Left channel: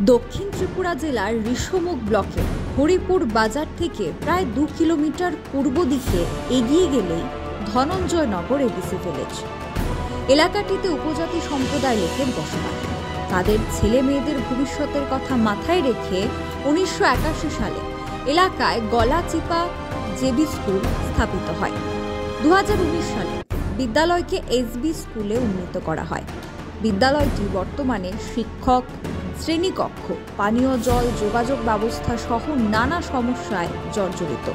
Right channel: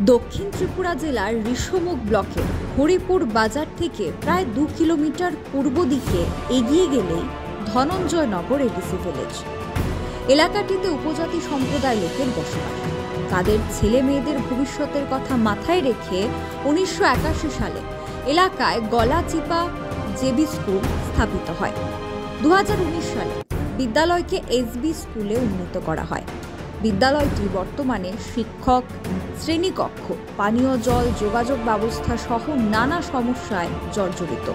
দক্ষিণ ত্রিপুরা জেলার ঋষমুখ ব্লকের হরিপুর বাজার থেকে প্রায় 2 কিলোমিটার পূর্ব দিকে এগিয়ে গেলেই ধনঞ্জয়নগর এডিসি ভিলেজ। এলাকাটিতে উপজাতি সম্প্রদায় লোকের বসবাস। তাদের ছেলে মেয়েদের ভবিষ্যতের কথা মাথায় রেখে 1981 সালে এলাকায় গলাচিপা জেবি স্কুল স্থাপিত হয়। 2019 সালে বিদ্যালয়কে এসবি স্কুলে উন্নীত করা হয়। বিদ্যালয়টি বর্তমানে শিক্ষক, শ্রেণীকক্ষ, পানীয় জল, যোগাযোগ ব্যবস্থা সহ নানা সমস্যায় জর্জরিত।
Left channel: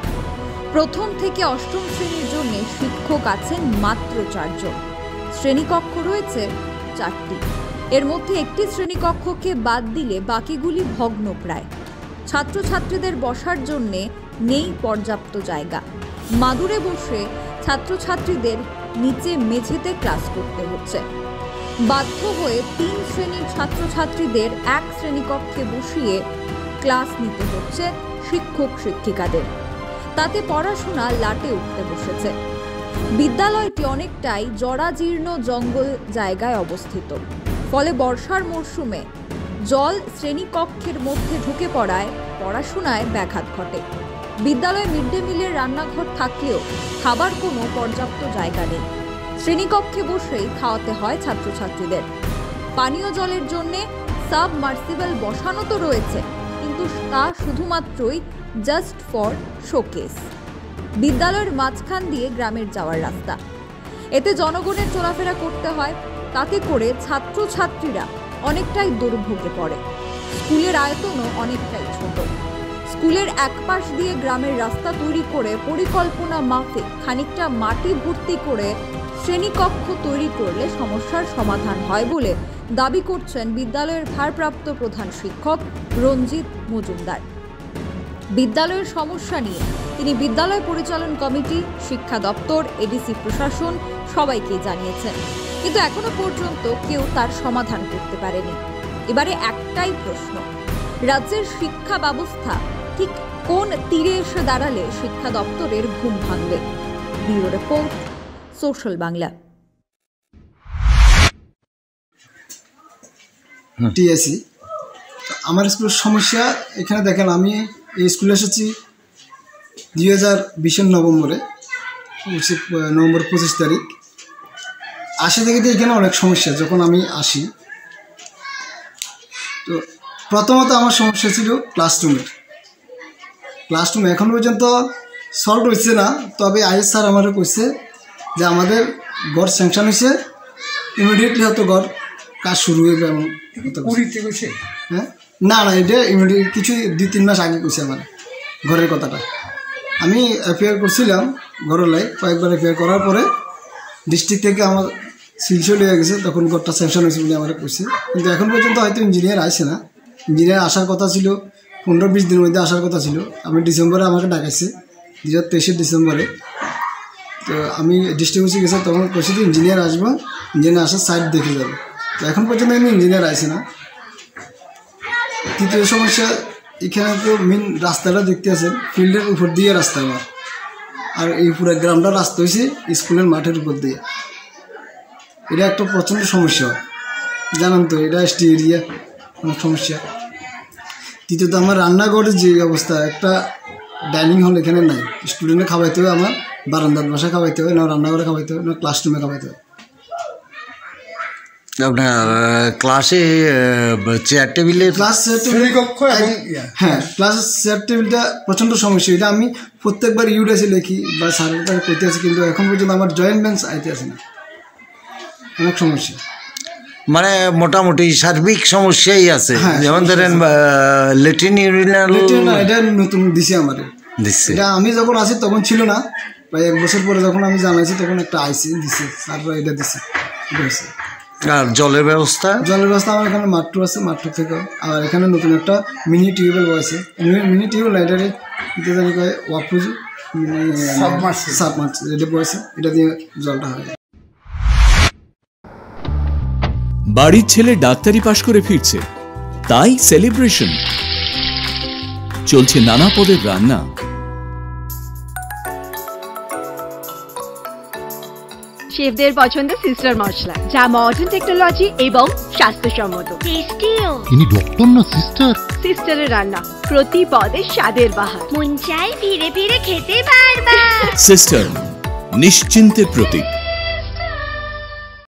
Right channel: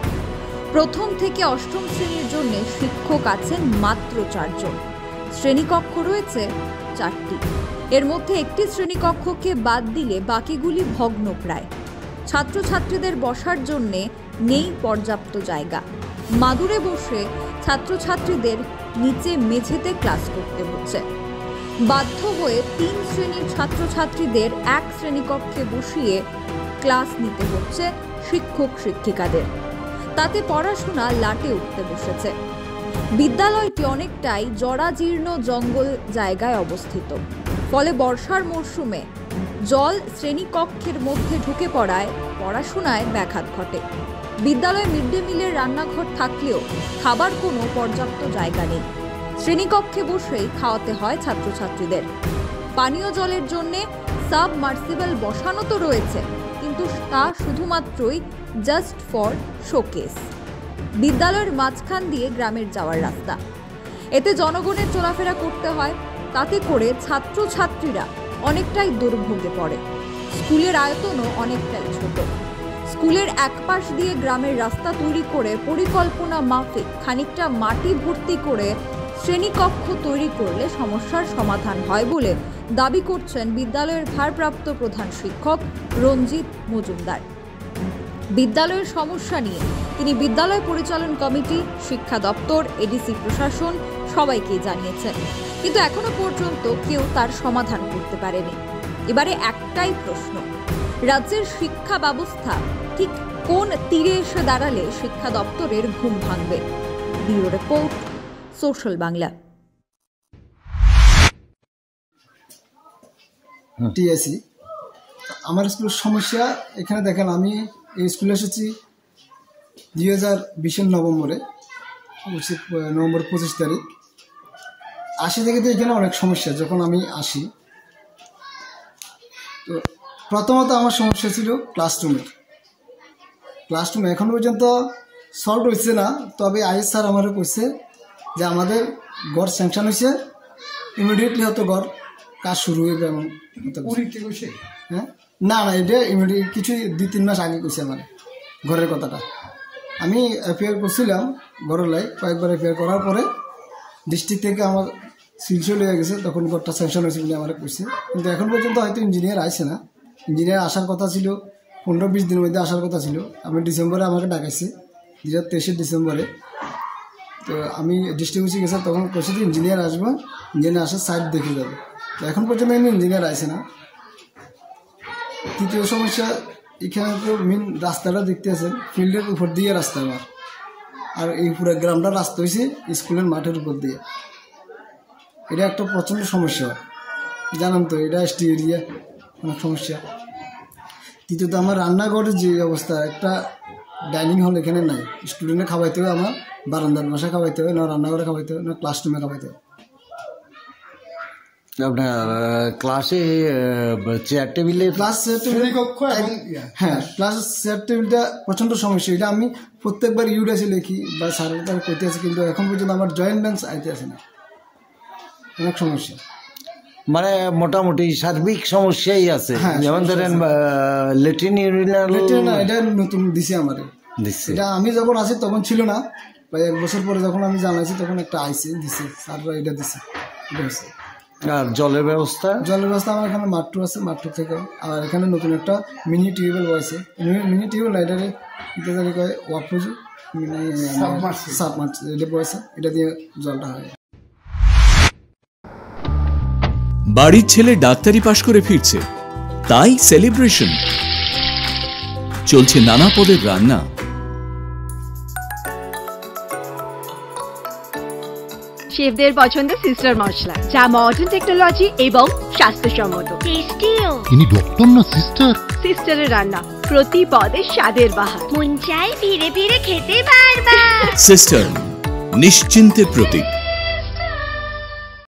প্রথম থেকে অষ্টম শ্রেণীর জন্য শিক্ষক আছেন মাত্র 4 জন। শ্রেণীকক্ষ রয়েছে 4টি। এর মধ্যে একটি শ্রেণীকক্ষকে বাদ দিলে বাকিগুলি ভগ্নপ্রায়। ছাত্রছাত্রীদের বসার জন্য নেই পর্যাপ্ত জায়গা। মাদুরে বসে ছাত্রছাত্রীদের নিচে মেঝেতে ক্লাস করতে হচ্ছে। বাধ্য হয়ে 3 শ্রেণীর ছাত্রছাত্রীদের এক শ্রেণীকক্ষে বসিয়ে ক্লাস নিতে হচ্ছে শিক্ষক শিক্ষিকাদের। তাতে পড়াশোনা লাটে উঠতে বসেছে। বিদ্যালয়টি অনেকটাই জরাজীর্ণ জঙ্গল জায়গায় অবস্থিত। ফলে বর্ষার মরশুমে জল শ্রেণীকক্ষের মধ্যে ঢুকে পড়ায় পড়াশোনায় ব্যাঘাত ঘটে। বিদ্যালয়ে মিড ডে মিলের রান্নাঘর থাকলেও খাবার কোনো পর্যাপ্ত জায়গা নেই। শ্রেণীকক্ষে বসেই খাওয়াতে হয় ছাত্রছাত্রীদের। পানীয় জলের জন্য সাবমার্সিবল বসানো তো রয়েছে, কিন্তু তা শুধুমাত্রই জাস্ট ফর শোকেস। বিদ্যালয়ের মাঝখান দিয়ে গ্রামের যাওয়ার রাস্তা। এতে জনগণের চলাফেরা করতে হয়। তাতে করে ছাত্রছাত্রীরা অনেকটাই দুর্ভোগে পড়ে। স্কুলের আয়তনও অনেকটাই ছোট। স্কুলের এক পাশ দিয়ে গ্রামের রাস্তা তৈরি করে পরিকল্পনা মাফিক খানিকটা মাটি ভর্তি করে শ্রেণীকক্ষ তৈরি করলে সমস্যার সমাধান হয় বলে দাবি করছেন বিদ্যালয়ের ভারপ্রাপ্ত প্রধান শিক্ষক রঞ্জিত মজুমদার। বিদ্যালয়ের সমস্যা নিয়ে তিনি বিদ্যালয় পরিচালন কমিটি, শিক্ষা দপ্তর, এডিসি প্রশাসন সবাইকে জানিয়েছেন, কিন্তু এখনো পর্যন্ত কেউ তার সমাধান করতে পারেনি। এবারে একটাই প্রশ্ন, রাজ্যের শিক্ষা ব্যবস্থা ঠিক কোন তীরে এসে দাঁড়ালে শিক্ষা দপ্তরের ঘুম ভাঙবে? Bureau report, social Bangla. TAC আমার স্কুলের সমস্যা এখানে দেখেন, আমি এই স্কুলে এসেছি 2020 নভেম্বরে, নভেম্বর 25 তারিখ। আসে থেকে এখানে অনেক সমস্যা। যখন আমি আসি তো প্রথমত আমার সমস্যা ছিল ক্লাসরুমের। ক্লাসরুম এখন পর্যন্ত সলভ হয়েছে না, তবে আইএস স্যার আমারও কইছে যে আমাদের ঘর স্যাংশন হয়েছে, ইমিডিয়েটলি হয়তো ঘর কাজ শুরু হয়ে এমন। হ্যাঁ, না এটা ইমিডিয়েট কিছু 2-3 মাস আগে কইছে আমার ঘরের কথাটা। আমি এফআইআর করছিলাম ঘরের লাই, কয়েকবার এফআইআর করার পরে ডিস্ট্রিক্ট থেকে আমার সিলসিও লেগে গেছে, তখন ঘরটা স্যাংশন হয়েছে বলে আমার কইছে। কিন্তু এখন পর্যন্ত হয়তো ইঞ্জিনিয়ার আসে না। ইঞ্জিনিয়ার আসার কথা ছিল 15-20 দিনের মধ্যে আসার কথা ছিল। আমি ডিসেম্বরে আমাকে ডাকাইছে, 2023 ডিসেম্বরে। তো আমি ডিস্ট্রিক্ট অফিসে গেছি, তখন কইছি তো ইঞ্জিনিয়ার আসবো, ইঞ্জিনিয়ার আসার সাইড দেখে যাবে। তো এখন পর্যন্ত আমি ইঞ্জিনিয়ার আসে না। তৃতীয় সমস্যা, এখানে তো মেন রাস্তাটা দেখতে আছেন, ফিল্ডের উপর দিয়ে রাস্তা আমার, আর এই পুরো গ্রামটা রাস্তা হয়েছে স্কুলের মাঠের উপর দিয়ে। এটা একটা প্রচণ্ড সমস্যা, জানান তো, এটা এসটি এরিয়া, অনেক সমস্যা। তৃতীয়ত আমার রান্নাঘরের যে অবস্থা, একটা ডাইনিং হল এখানে নাই। স্টুডেন্টে খাওয়াইতে হবে আমার বারান্দার বাসায় খাওয়াইতে হবে, না রান্নাঘরে খাওয়াইতে হবে, না ক্লাসরুমে খাওয়াইতে হবে। আপনার ক্লাসে চেয়ার টেবিলে হ্যাঁ, ক্লাসের চেয়ার টেবিলটা প্রচণ্ড সমস্যা। এটা আমি প্রত্যেকবার ইউডিএসে লিখি বা সার্ভে করতে আছি, কিন্তু এখন পর্যন্ত আমার জয়েন্ট বেঞ্চ আইতে আসে না, অনেক সমস্যা। মানে মোটামুটি সার্বিক সমস্যাই আছে। যেমন ধরেন লেট্রিন ইউরিনাল, এটা নতুন দিছে আমাদের দিচ্ছে। এটা আমি যখন আসি তখন ছিল না, প্রায় 1 বছর পরে যখন আমি জানাইছি তখন একটা আইসি দিছে, স্যাররা এটা দিছে। আর জলের ব্যবস্থা আমার এখানে মাঠটু আছে, মাঠটু থেকে আর এখানে নতুন একটা মিনি টিউবওয়েল বসেছে। মিনি টিউবওয়েল লাইটারে এটা জানি কয় ওয়াপুজ সাবমার্স এটা বসেছে, এটা দিয়ে জলটা হয়। বাড়ির ছেলে ডাক্তারি পাশ করে ফিরছে, তাই সেলিব্রেশন চলছে। নানা পদের রান্না, শেফদের পছন্দ সিস্টার মশলা, যা মডার্ন টেকনোলজি এবং স্বাস্থ্যসম্মত। টেস্টিও। ইনি ডক্টর না সিস্টার? সিস্টারের রান্না প্রতি পদে স্বাদের বাহার। মন চাই ফিরে ফিরে খেতে পারবা। সিস্টার, নিশ্চিন্তের প্রতীক।